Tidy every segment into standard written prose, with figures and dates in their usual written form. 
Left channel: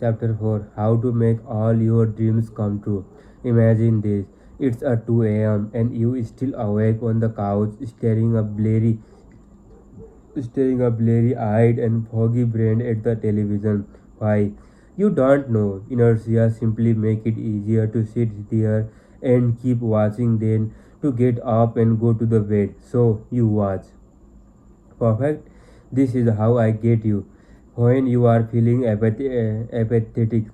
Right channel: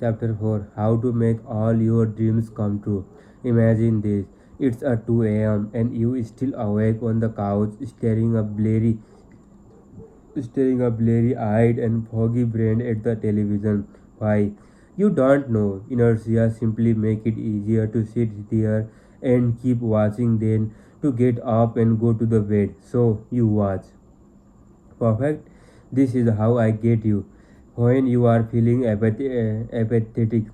Chapter 4, How to Make All Your Dreams Come True. Imagine this. It's at 2 a.m. and you still awake on the couch staring a blurry eyed and foggy brained at the television. Why? You don't know. Inertia simply make it easier to sit there and keep watching than to get up and go to the bed. So you watch. Perfect. This is how I get you. When you are feeling apathetic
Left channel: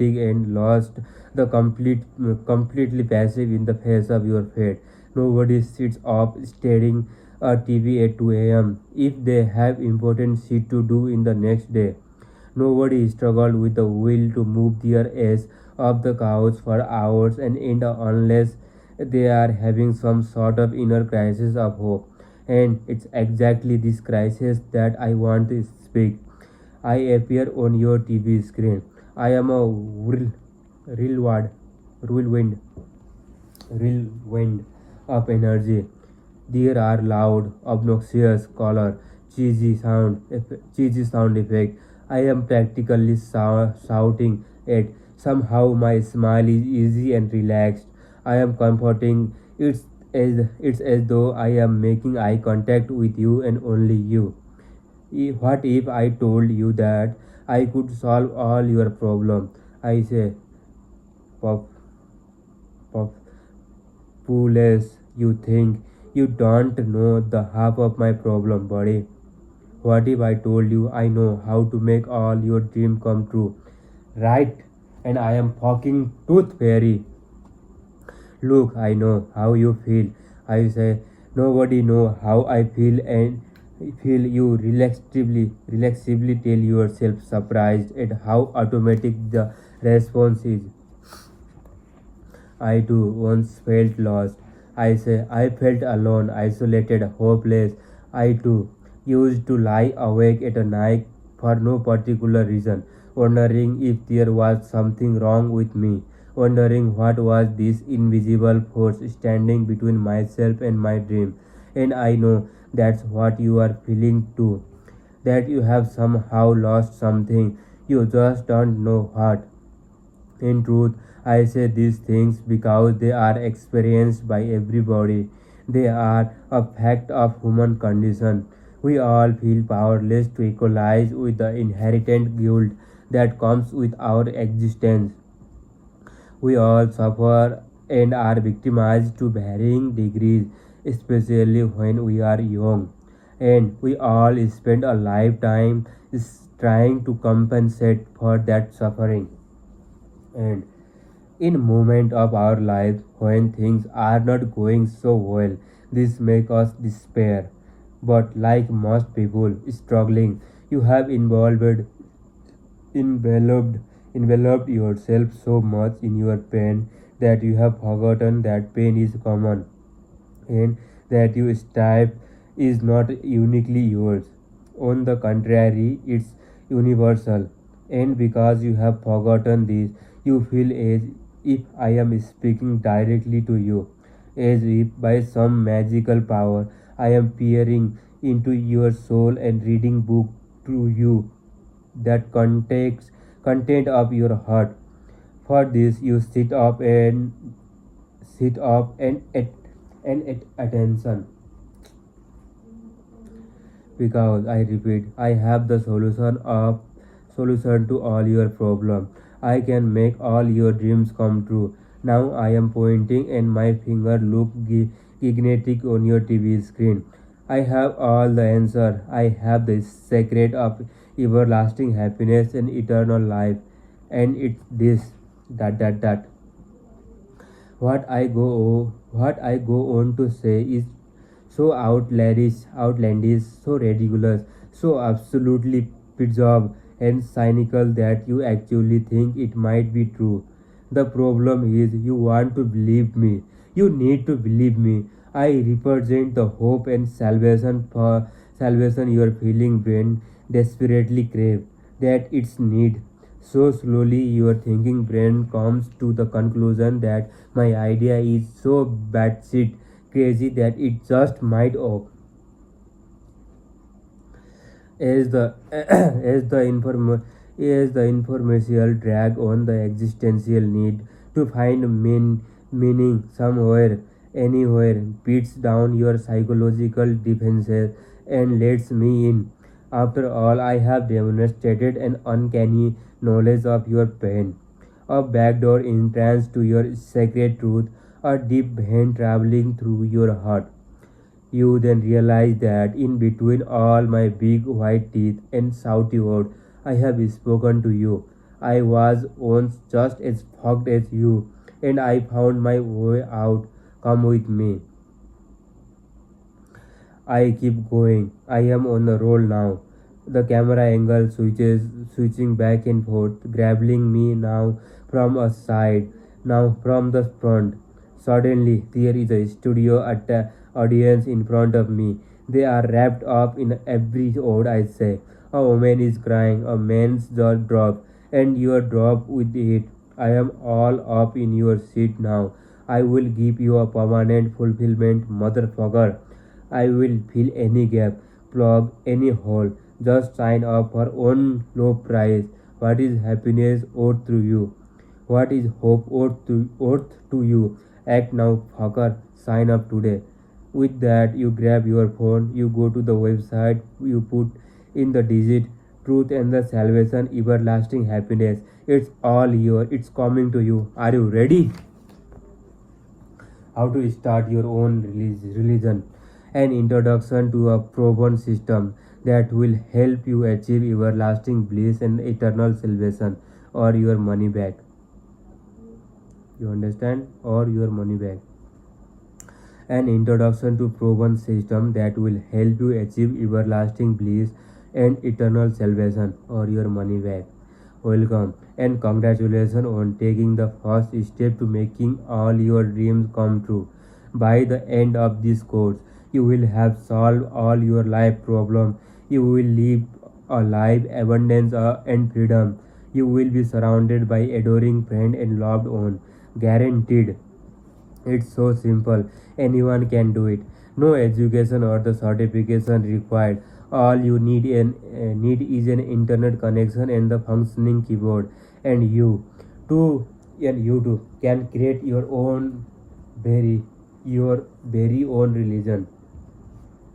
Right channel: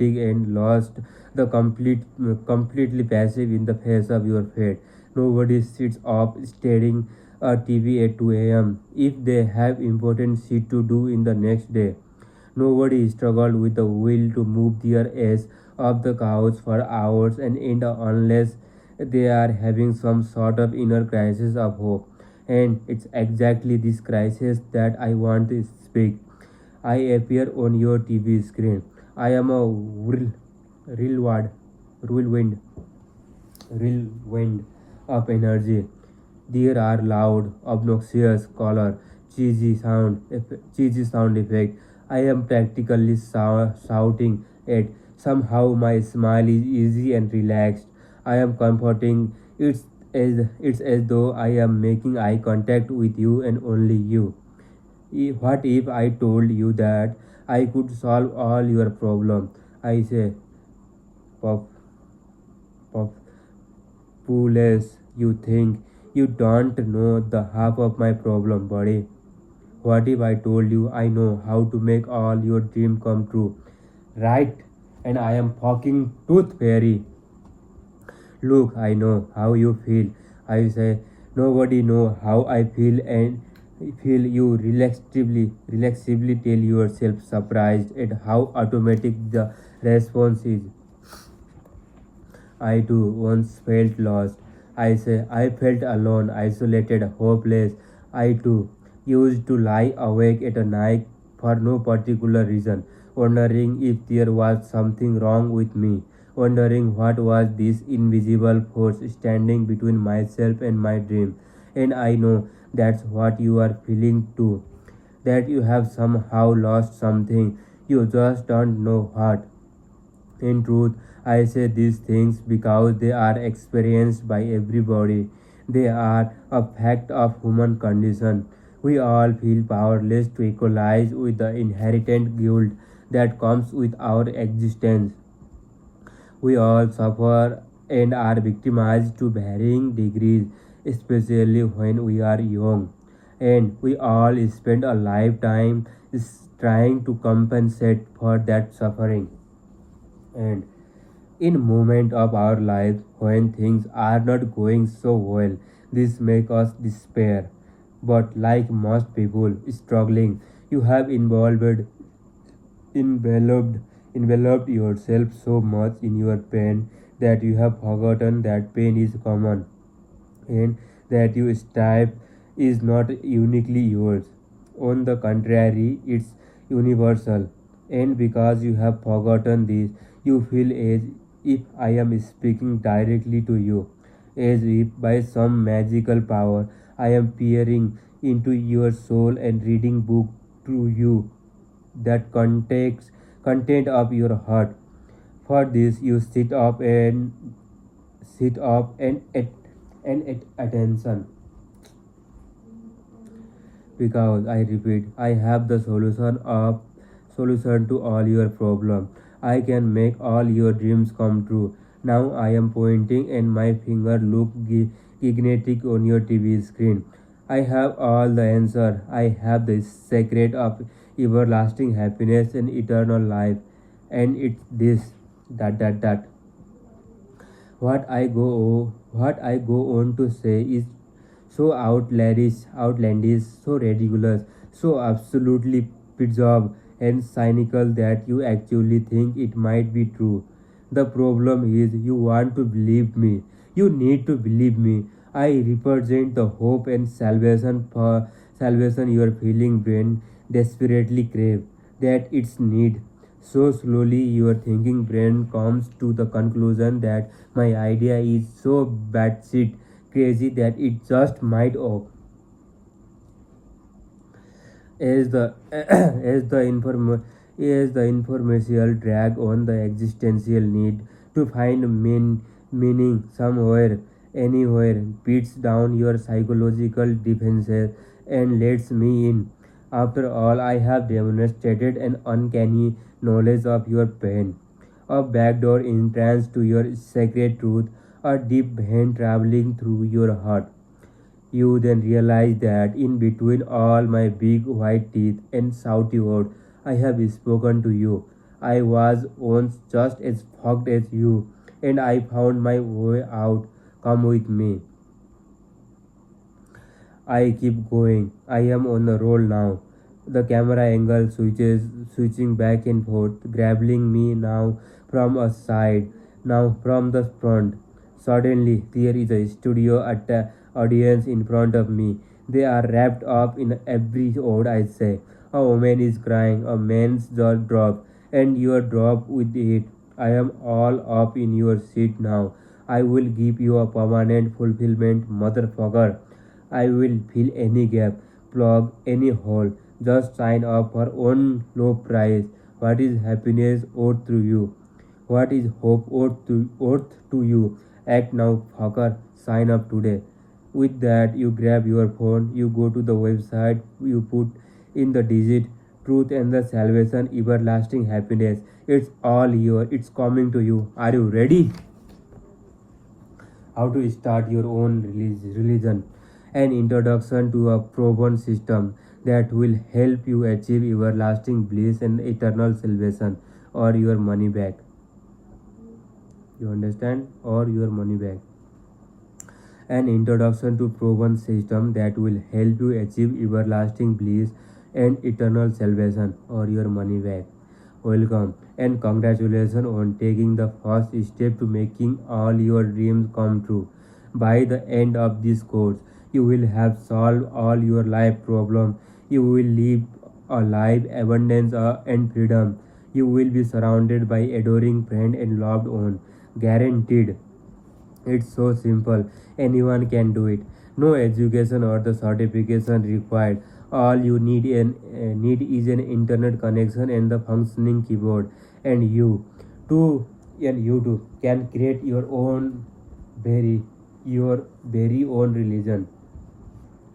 and lost, completely passive in the face of your fate. Nobody sits up staring at TV at 2 a.m. if they have important shit to do in the next day. Nobody struggled with the will to move their ass off the couch for hours and end unless they are having some sort of inner crisis of hope. And it's exactly this crisis that I want to speak. I appear on your TV screen. I am a whirlwind, whirlwind, whirlwind of energy. There are loud, obnoxious color, cheesy sound effect. I am practically shouting at. Somehow my smile is easy and relaxed. I am comforting. It's as though I am making eye contact with you and only you. What if I told you that I could solve all your problems? I say, puff, puff, foolish. You think you don't know the half of my problem, buddy. What if I told you I know how to make all your dreams come true? Right? And I am fucking tooth fairy. Look, I know how you feel. I say, nobody know how I feel and feel you relaxively tell yourself surprised at how automatic the response is. I too once felt lost. I say I felt alone, isolated, hopeless. I too used to lie awake at night for no particular reason, wondering if there was something wrong with me, wondering what was this invisible force standing between myself and my dream. And I know that's what you are feeling too. That you have somehow lost something, you just don't know what. In truth, I say these things because they are experienced by everybody. They are a fact of human condition. We all feel powerless to equalize with the inherent guilt that comes with our existence. We all suffer and are victimized to varying degrees, especially when we are young. And we all spend a lifetime trying to compensate for that suffering. And in moment of our lives when things are not going so well, this makes us despair. But like most people struggling, you have enveloped enveloped yourself so much in your pain that you have forgotten that pain is common and that your type is not uniquely yours. On the contrary, it's universal. And because you have forgotten this, you feel as if I am speaking directly to you, as if by some magical power I am peering into your soul and reading book to you that content of your heart. For this you sit up and at attention. Because I repeat, I have the solution to all your problems. I can make all your dreams come true. Now I am pointing and my finger look magnetic on your TV screen. I have all the answer. I have the secret of everlasting happiness and eternal life. And it's this that. What I go on to say is so outlandish, so ridiculous, so absolutely bizarre and cynical that you actually think it might be true. The problem is you want to believe me. You need to believe me. I represent the hope and salvation your feeling brain desperately crave that it's need. So slowly your thinking brain comes to the conclusion that my idea is so batshit crazy that it just might op. As the Yes, the informational drag on the existential need to find meaning somewhere, anywhere, beats down your psychological defenses and lets me in. After all, I have demonstrated an uncanny knowledge of your pain, a backdoor entrance to your sacred truth, a deep vein traveling through your heart. You then realize that in between all my big white teeth and shouty words, I have spoken to you. I was once just as fucked as you, and I found my way out. Come with me. I keep going. I am on the roll now. The camera angle switching back and forth, grabbing me now from a side, now from the front. Suddenly, there is a studio audience in front of me. They are wrapped up in every word I say. A woman is crying, a man's jaw drops, and you are dropped with it. I am all up in your seat now. I will give you a permanent fulfillment, motherfucker. I will fill any gap, plug any hole. Just sign up for one low price. What is happiness worth to you? What is hope worth to you? Act now, fucker. Sign up today. With that, you grab your phone, you go to the website, you put in the digit, truth and the salvation, everlasting happiness. It's all yours. It's coming to you. Are you ready? How to start your own religion? An introduction to a proven system that will help you achieve everlasting bliss and eternal salvation, or your money back. You understand? Or your money back. An introduction to proven system that will help you achieve everlasting bliss and eternal salvation, or your money back. Welcome and congratulations on taking the first step to making all your dreams come true. By the end of this course, you will have solved all your life problems. You will live a life abundance and freedom. You will be surrounded by adoring friends and loved ones. Guaranteed. It's so simple. Anyone can do it. No education or the certification required. All you need is an internet connection and the functioning keyboard. And too, you too can create very your very own religion.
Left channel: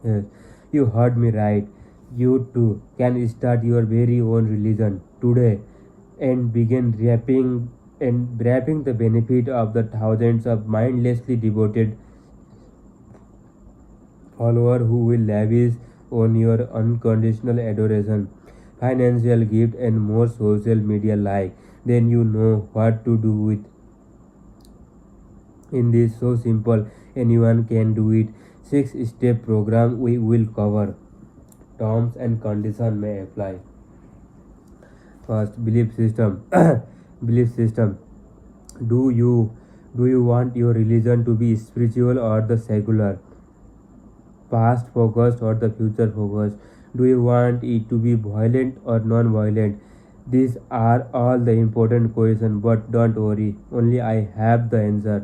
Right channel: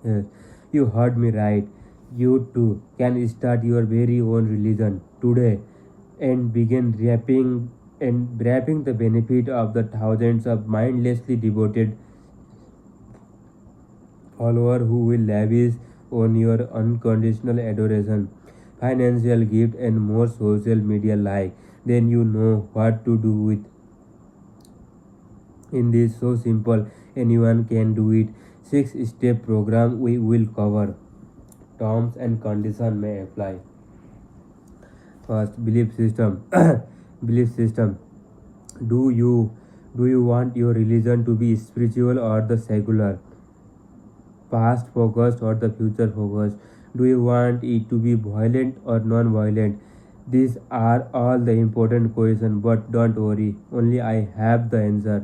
Yes, you heard me right. You too can start your very own religion today and begin wrapping the benefit of the thousands of mindlessly devoted followers who will lavish on your unconditional adoration, financial gift, and more social media like. Then you know what to do with in this so simple anyone can do it. 6 step program we will cover. Terms and conditions may apply. First, belief system. Belief system. Do you do you want your religion to be spiritual or the secular? Past focused or the future focused? Do you want it to be violent or non-violent? These are all the important questions, but don't worry, only I have the answer.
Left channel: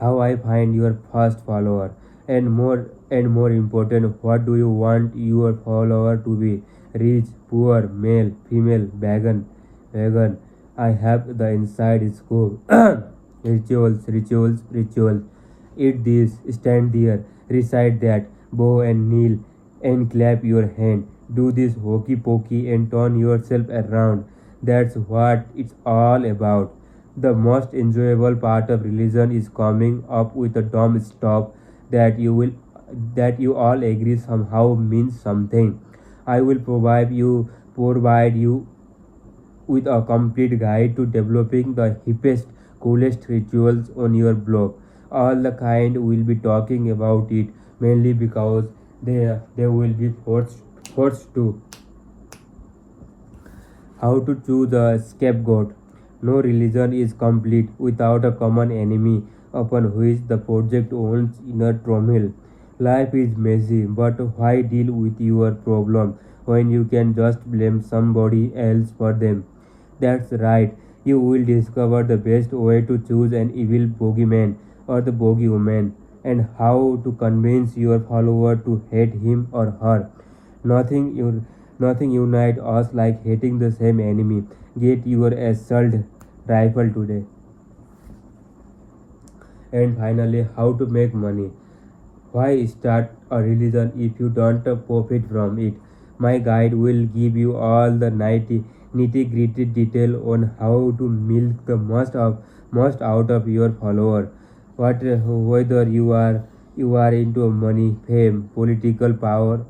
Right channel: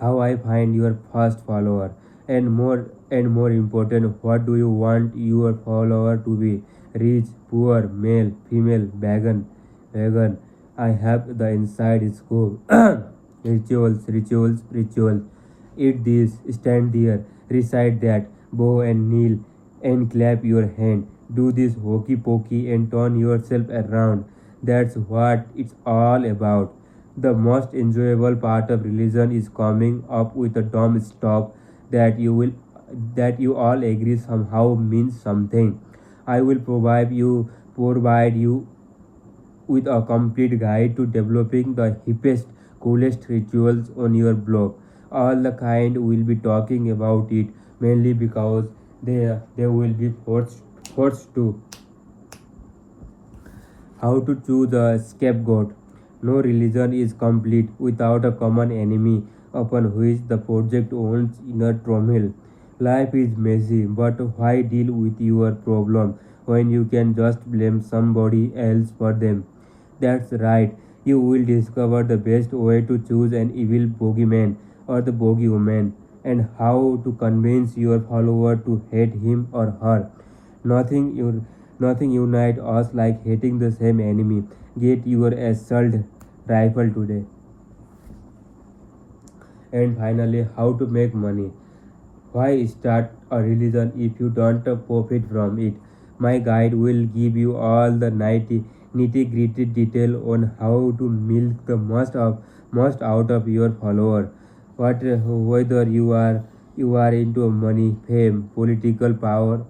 How I find your first follower, and more important, what do you want your follower to be? Rich, poor, male, female, vegan. I have the inside scoop. Rituals. Eat this, stand there, recite that, bow and kneel and clap your hand. Do this hokey pokey and turn yourself around. That's what it's all about. The most enjoyable part of religion is coming up with a dumb stuff that you all agree somehow means something. I will provide you with a complete guide to developing the hippest, coolest rituals on your blog. All the kind will be talking about it mainly because they will be forced to. How to choose a scapegoat? No religion is complete without a common enemy upon which the project owns inner turmoil. Life is messy, but why deal with your problem when you can just blame somebody else for them? That's right, you will discover the best way to choose an evil bogeyman or the bogeywoman, and how to convince your follower to hate him or her. Nothing you Nothing unites us like hating the same enemy. Get your assault rifle today. And finally, how to make money. Why start a religion if you don't profit from it? My guide will give you all the nitty-gritty detail on how to milk the most out of your follower. Whether you are into money, fame, political power,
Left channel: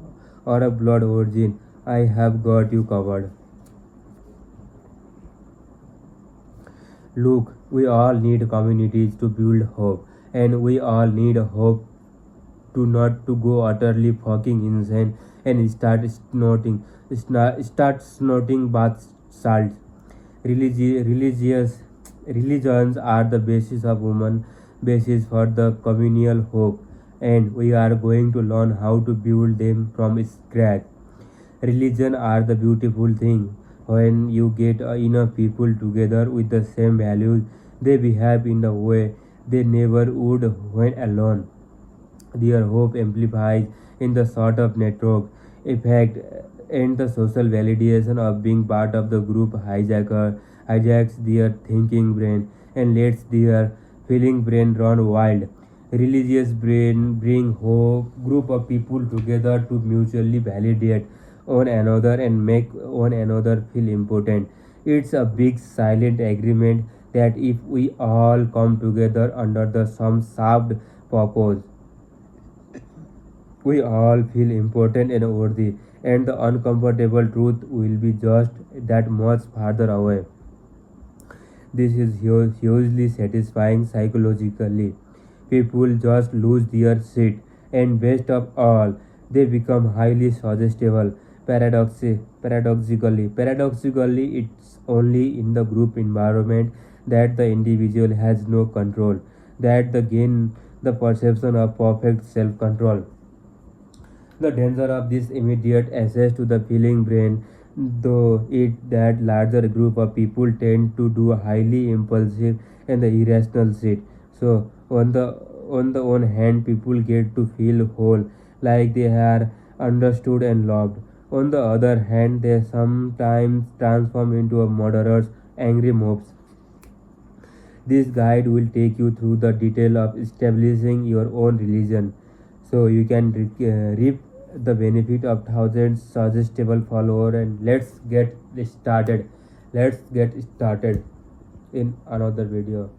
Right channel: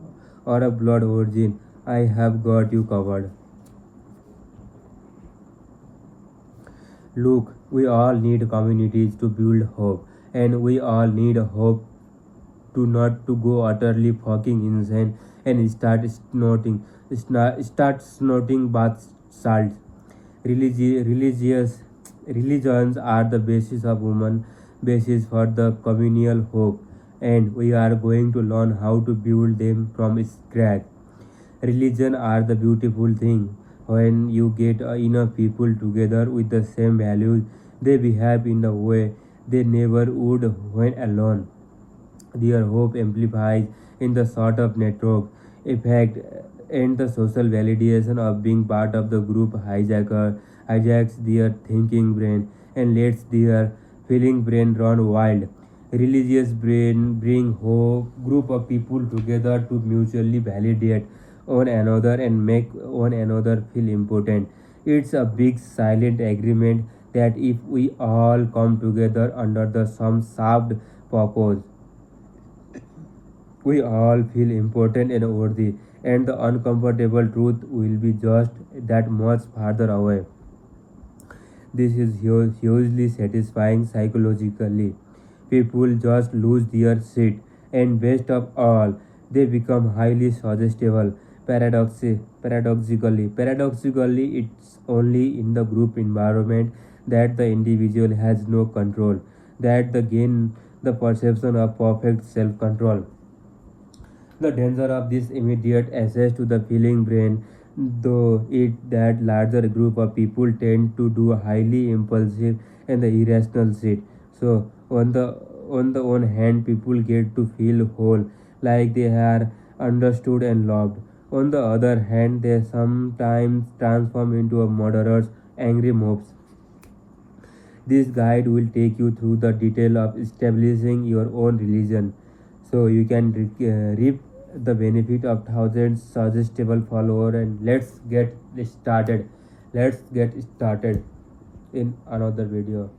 or a blood origin, I have got you covered. Look, we all need communities to build hope, and we all need hope to not to go utterly fucking insane and start snorting bath salts. Religious religions are the basis of human basis for the communal hope, and we are going to learn how to build them from scratch. Religion are the beautiful thing. When you get enough people together with the same values, they behave in a way they never would when alone. Their hope amplifies in the sort of network effect and the social validation of being part of the group hijacks their thinking brain and lets their feeling brain run wild. Religious brain bring hope group of people together to mutually validate one another and make one another feel important. It's a big silent agreement that if we all come together under the some soft purpose, we all feel important and worthy, and the uncomfortable truth will be just that much farther away. This is hugely satisfying psychologically. People just lose their shit, and best of all, they become highly suggestible. Paradoxically, it's only in the group environment that the individual has no control, that the gain the perception of perfect self-control. The danger of this immediate access to the feeling brain, though, is that larger group of people tend to do highly impulsive and irrational shit. So on the one hand, people get to feel whole, like they are understood and loved. On the other hand, they sometimes transform into a murderers, angry mobs. This guide will take you through the detail of establishing your own religion so you can reap the benefit of thousands suggestible followers. And let's get started in another video.